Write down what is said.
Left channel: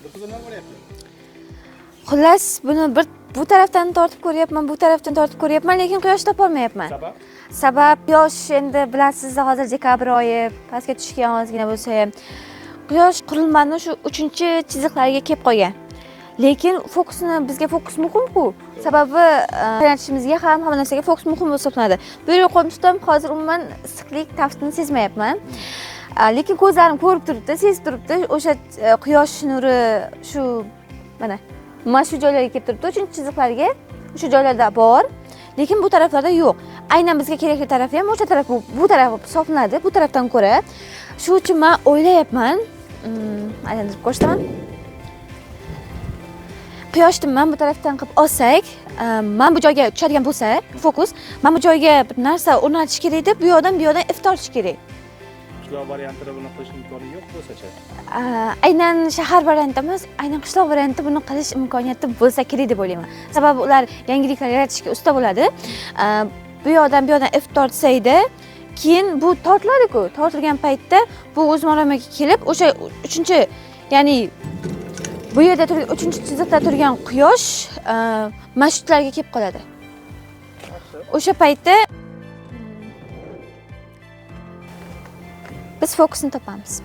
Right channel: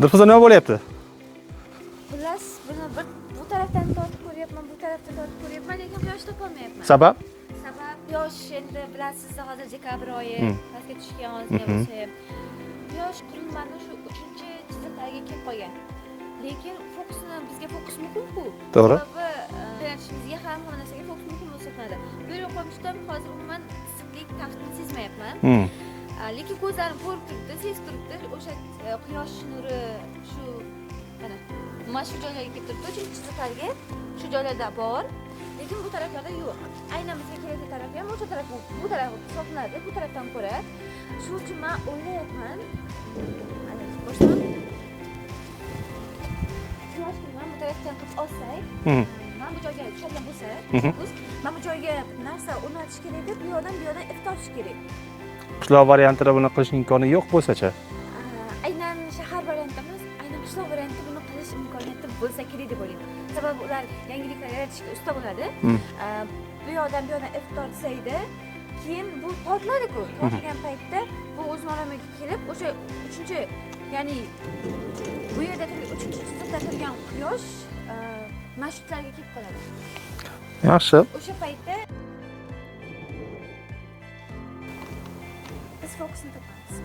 Dilfuza nima bo'lyapti? Xullas, buni bu tarafdan tortib ko'ryapman, bu tarafdan tortib ko'ryapman, lekin quyosh topolmayapman. Sabab? Sabab quyosh endi bilasiz, hozir dekabr oyi, pastga tushgan ozgina bo'lsa ham quyosh qurilmani shu 3-chiziqlariga kelib qolgan. Lekin bizga fokus muhim-ku. Sababi tayanchimizga ham hamma narsaga fokus muhim hisoblanadi. Bu yerga qo'yishdan hozir umuman issiqlik taftini sezmayapman. Lekin ko'zlarim ko'rib turibdi, sezib turibdi. O'sha quyosh nuri mana shu joylarga kelib turibdi, 3-chiziqlarga o'sha joylarda bor. Lekin bu taraflarda yo'q. Aynan bizga kerakli tarafi ham o'sha taraf, bu taraf hisoblanadi, bu tarafdan ko'ra. Shu uchun men o'ylayapman, aylantirib ko'rsataman. Quyoshni men bu tarafdan qilib olsak, men bu joyga tushadigan bo'lsa, fokus, men bu joyga bir narsa o'rnatish kerak edi, bu yoqdan if tortish kerak. Qishloq variantida buni qilish imkoni yo'q bo'lsa-chi? Aynan shahar varianti emas, aynan qishloq varianti buni qilish imkoniyati bo'lsa kerak deb o'ylayman. Sababi ular yangiliklar yaratishga usta bo'ladi. Bu yoqdan if tortsaydi, keyin bu tortiladi-ku. Tortilgan paytda bu o'z maramiga kelib, o'sha 3-ya'ni bu yerda 3-chiziqda turgan quyosh mashutlarga kelib qoladi. Yaxshi. O'sha paytda biz fokusni topamiz.